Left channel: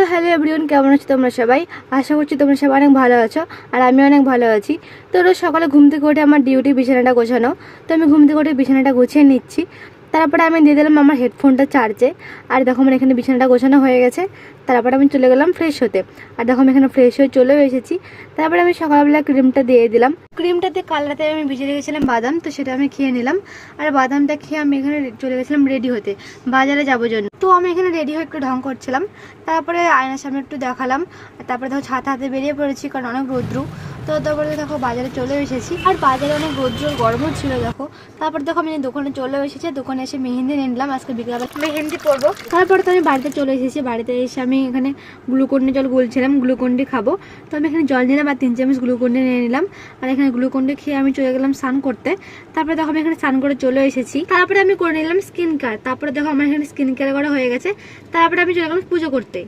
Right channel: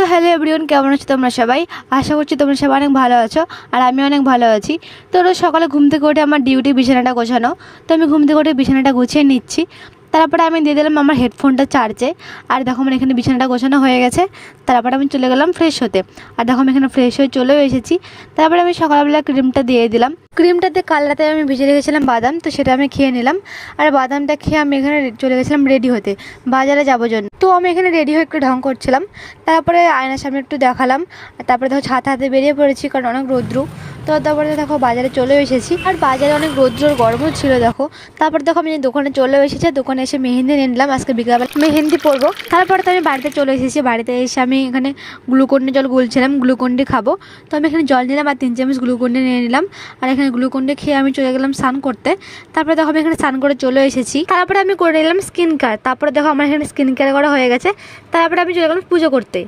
So hello everyone, কেমন আছো তোমরা সবাই? আশা করছি তোমরা সবাই অনেক ভালো আছো আর আমি অনেক ভালো আছি। তো রোজ সকালে ঘুম থেকে উঠে আমার ডিউটি বিছানাটা গোছানো। তো আমি ঘুম থেকে উঠে বিছানাটা গুছিয়ে নিচ্ছি। তারপরে আমি দিয়ে দিলাম আমার হেডফোনটা চার্জে। আর দেখো আমার এখানে বিছানাটা গোছানো হয়ে গেছে। তারপরে আমি চলে গেলাম ফ্রেশ হতে। আর দেখো আমি এখানে ফ্রেশ হয়ে চলেও এসেছি। তারপরে আমি সকালবেলা ক্রিমটা দিয়ে দিলাম। ক্রিমটাতে কাল রাতে আমি ভিজে রেখেছিলাম বাদাম, তো সেটা আমি খেয়ে নিলাম। আর বাদামটা খেয়ে আমি এখানে চলে গেছিলাম রেডি হতে, বাজারে যাবো জন্য। তো আমি এখানে রেডি হয়ে একটু ঢং করছিলাম। তারপরে আয়নার সামনে একটু দেখালাম। তারপরে দেখো ছাতা হাতে বেরিয়ে পড়েছি, কারণ অনেক রৌদ্র। তো তারপরে দেখো বাজারে চলে এসেছি, আর বাজারে অনেক রৌদ্র গরমও ছিল দেখো। তারপরে দেখো আমি দোকানে চলে এসেছি, দোকানে এসে মেহেন্দি নিলাম, আজকে বিকালবেলা মেহেন্দি পরবো। তারপরে তো আমি বাড়িতে চলে এসেছি, বাড়িতে এসে আমি এখানে গ্লুকন্ডি জল গুলছিলাম, গ্লুকন্ডি খাবো। তো আমি এখানে জল নিলাম আর 3 চামচ গ্লুকন্ডি নিয়ে নিলাম। আর এখানে গ্লুকন্ডি খেয়ে আমি চলে গেলাম স্নান করতে। তারপরে দেখো আমি এখানে স্নান করে চলে এসেছি। তারপরে আমি করে নিলাম স্কিন কেয়ার। তারপরে দেখো আমার এখানে স্কিন কেয়ার করা হয়ে গেছে। তারপরে আমি চলে গেলাম পুজো করতে।